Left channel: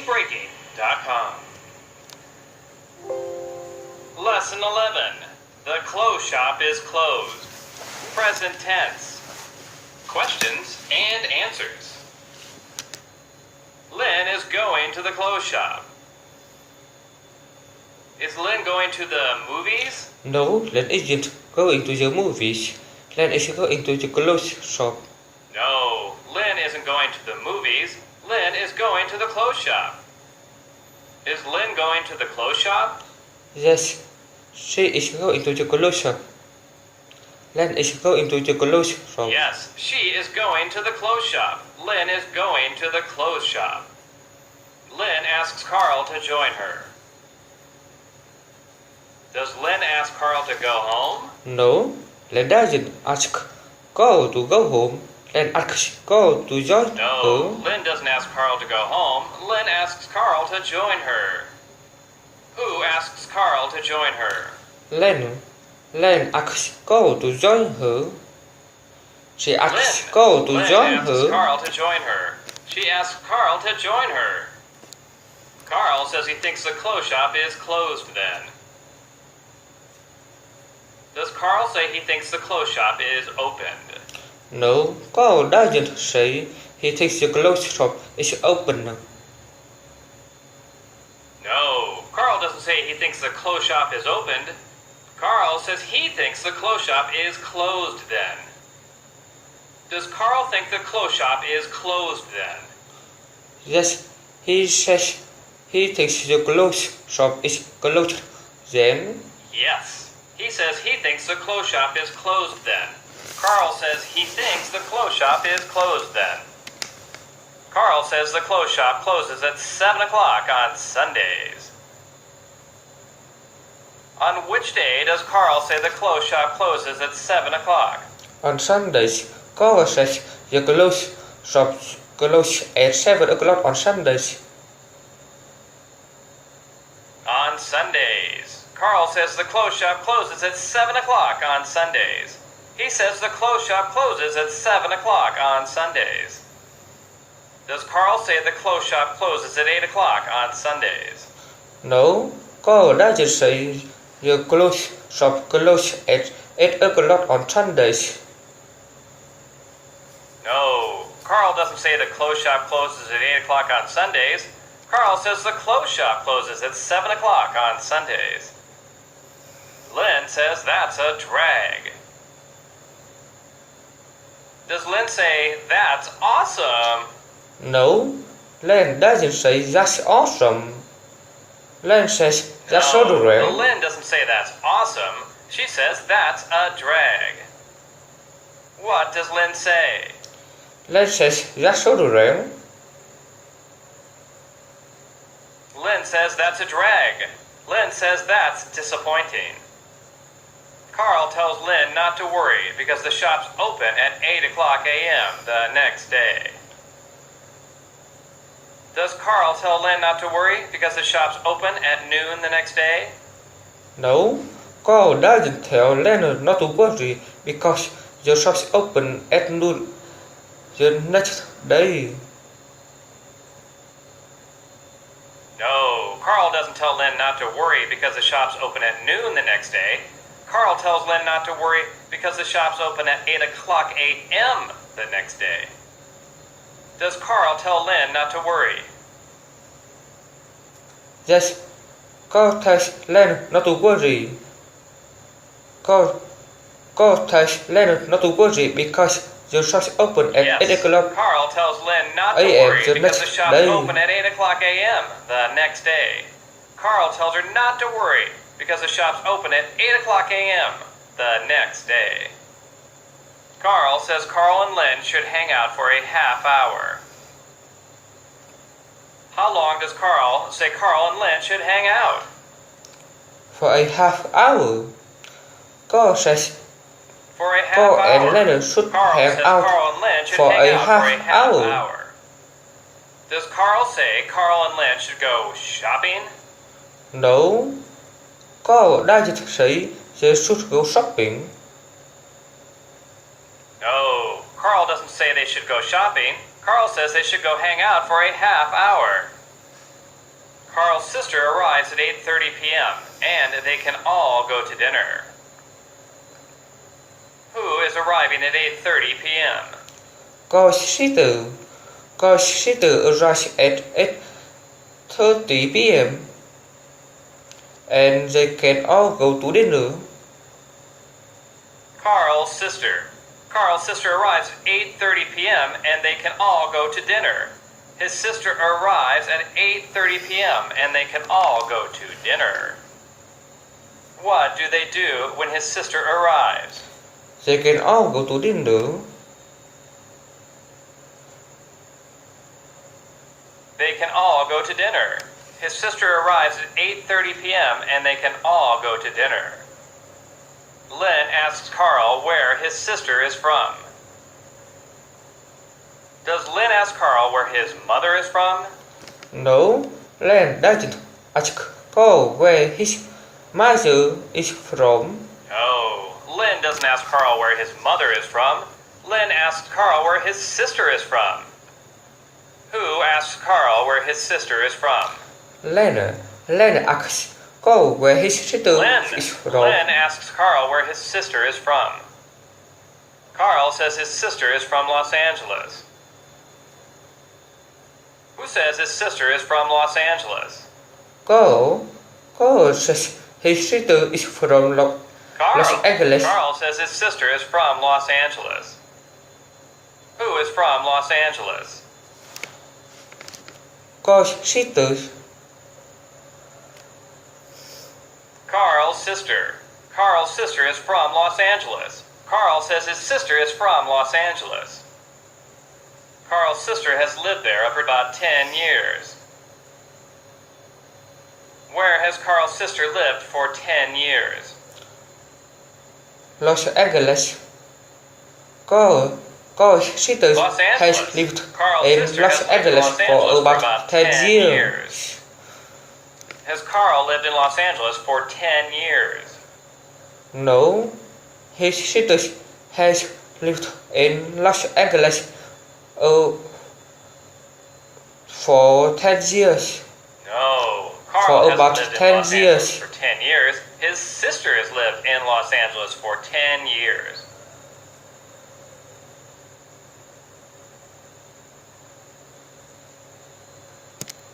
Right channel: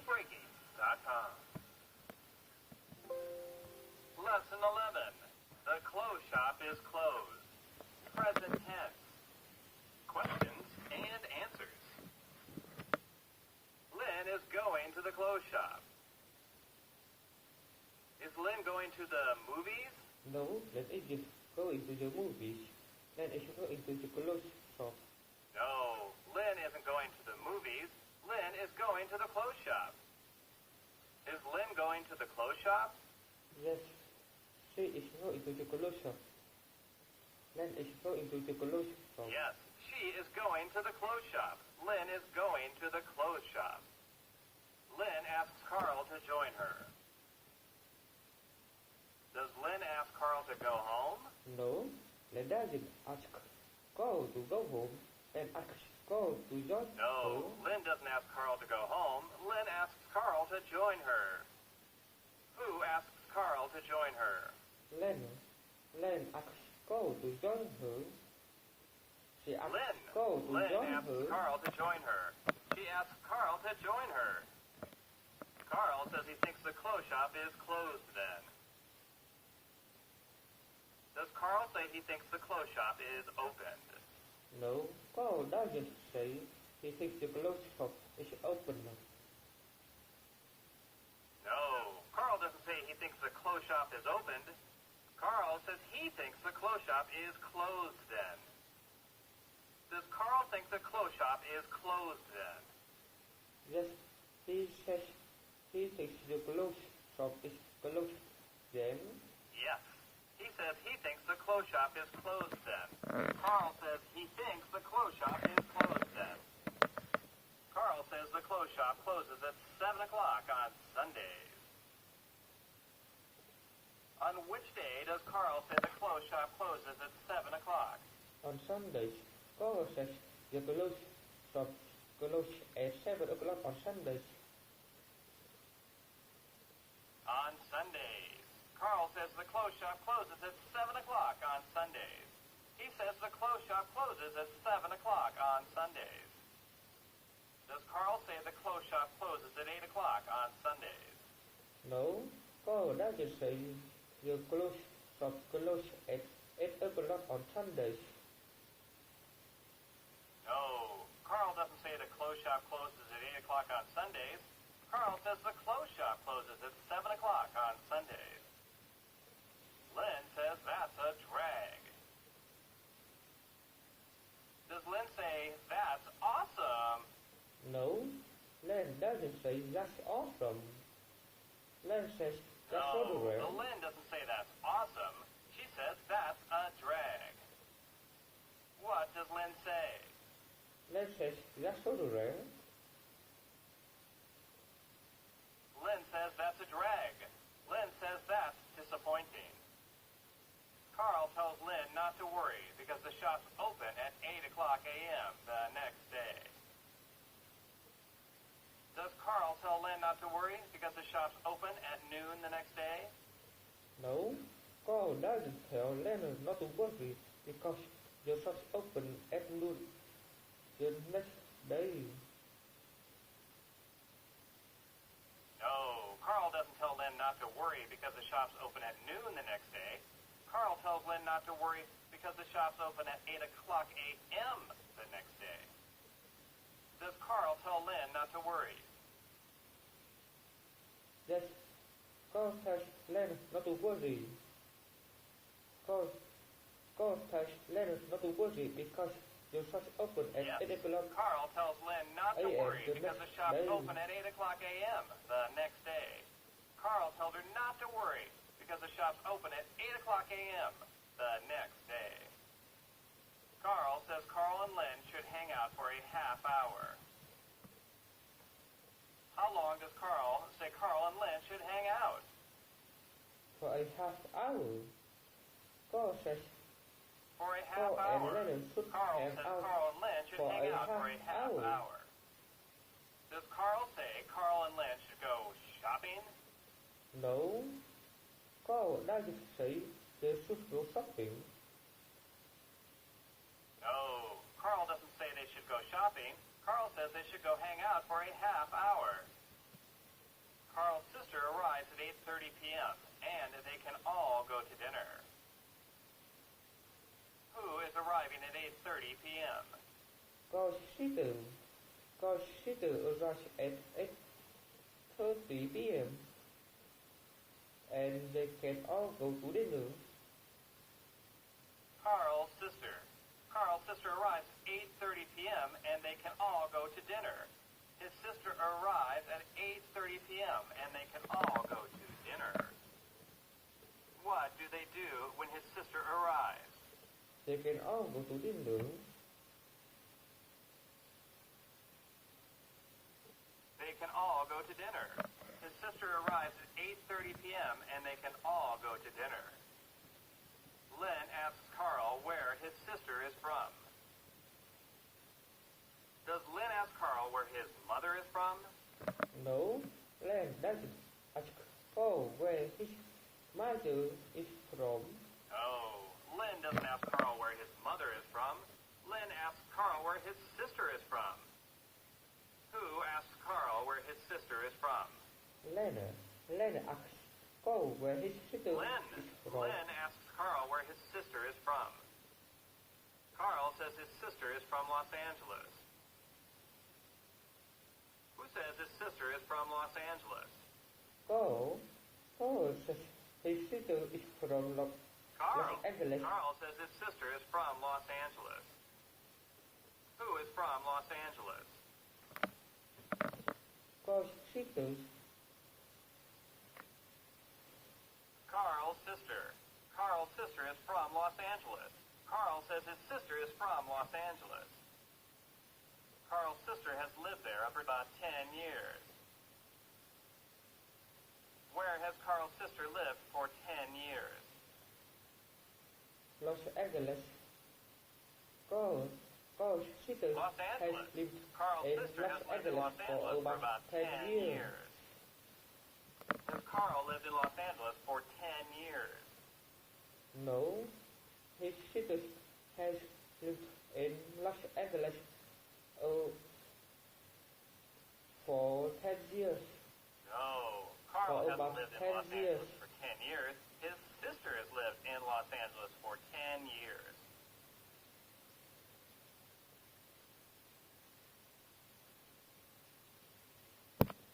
gamebreaking.com. Lesson 11. The clothes shop is closed. Present tense. Questions and answers. Lynn is going to the clothes shop. Is Lynn going to the movies? No, Lynn isn't going to the movies. Lynn is going to the clothes shop. No, Lynn isn't going to the movies. Lynn is going to the clothes shop. Is Lynn going to the clothes shop? Yes, she is going to the clothes shop. Lynn is going to the clothes shop. Yes, she is going to the clothes shop. Lynn is going to the clothes shop. Lynn asks Carl to join her. Does Lynn ask Carl to go home? No, Lynn doesn't ask Carl to go home. Lynn asks Carl to join her. No, Lynn doesn't ask Carl to go home. Lynn asks Carl to join her. Who asks Carl to join her? Lynn asks Carl to join her. She asks Carl to join her. Lynn asks Carl to join her. She asks Carl to join her. Carl says he thinks the clothes shop is closed then. Does Carl say he thinks the clothes shop is opened? No, Carl doesn't say he thinks the clothes shop is open. No, Carl doesn't say he thinks the clothes shop is opened. Carl says he thinks the clothes shop is closed then. Does Carl think the clothes shop is closed then? Yes, he says he thinks the clothes shop is closed then. Yes, he says he thinks the clothes shop is closed then. Carl says he thinks the clothes shop is closed then. Carl says the clothes shop closes at 7 o'clock on Sundays. On which day does Carl say the clothes shop closes at 7 o'clock? On Sundays, Carl says the clothes shop closes at 7 o'clock on Sundays. On Sundays, Carl says the clothes shop closes at 7 o'clock on Sundays. He says the clothes shop closes at 7 o'clock on Sundays. Does Carl say the clothes shop closes at 8 o'clock on Sundays? No, Carl doesn't say the clothes shop closes at 8 o'clock on Sundays. No, Carl doesn't say the clothes shop closes at 8 o'clock on Sundays. Carl says the clothes shop closes at 7 o'clock on Sundays. Lynn says that's a drag. Does Lynn say that's awesome? No, Lynn doesn't say that's awesome. Lynn says that's so drag. Lynn doesn't say that's awesome. She says that's a drag. What does Lynn say? Lynn says that's so drag. Lynn says that's a drag. Lynn says that's disappointing. Carl tells Lynn not to worry because the shop's open at 8 o'clock a.m. the next day. Does Carl tell Lynn not to worry because the shop's open at noon the next day? No, Carl doesn't tell Lynn not to worry because the shop's open at noon the next day. No, Carl doesn't tell Lynn not to worry because the shop's open at noon the next day. Carl tells Lynn not to worry because the shop's open at 8 o'clock a.m. the next day. Does Carl tell Lynn not to worry? Yes, Carl tells Lynn not to worry. Carl tells Lynn not to worry because the shop's open at 8 o'clock. Carl tells Lynn not to worry because the shop's open at 8 o'clock a.m. the next day. Carl tells her not to worry because the shop's open at 8 o'clock a.m. the next day. Carl says Carl and Lynn should hang out for a half hour. How long does Carl say Carl and Lynn should hang out? For a half hour. Carl says for a half Carl hour. and Lynn should hang out Carl and Lynn should for hang a out half for a half hour. hour. Does Carl say Carl and Lynn should go shopping? No, Carl doesn't say they should go shopping. No, Carl doesn't say they should go shopping. Carl says they should go hang out for a half hour. Carl's sister arrives at 8:30 p.m., and they can all go to dinner. Who is arriving at 8:30 p.m.? Carl's sister arrives at 8:30 p.m. and they can all go to dinner. Carl's sister arrives at 8:30 p.m. and they can all go to dinner. His sister arrives at 8:30 p.m. and they can all go to dinner. What do they do when his sister arrives? They can all go to dinner. They can all go to dinner. His sister arrives at 8:30 p.m. and they can all go to dinner. Lynn asks Carl where his sister is from. Does Lynn ask Carl where his mother is from? No, Lynn doesn't ask Carl where his mother is from. Oh, Lynn doesn't ask Carl where his mother is from. Lynn asks Carl where his sister is from. Who asks Carl where his sister is from? Lynn asks Carl where his sister is from. Lynn asks Carl where his sister is from. Carl says his sister is from Los Angeles. Who says his sister is from Los Angeles? Carl says his sister is from Los Angeles. Carl says his sister is from Los Angeles. Who is from Los Angeles? Carl's sister. Carl's sister. Carl's sister is from Los Angeles. Carl says his sister is from Los Angeles. Carl's sister has lived there for about 10 years. Where has Carl's sister lived for 10 years? Los Angeles. Carl's sister has lived in Los Angeles for about 10 years. Has Carl lived in Los Angeles for 10 years? No, his sister has lived in Los Angeles for 10 years. No, Carl for about hasn't lived 10 in Los years. Angeles for 10 years. His sister has lived in Los Angeles for 10 years.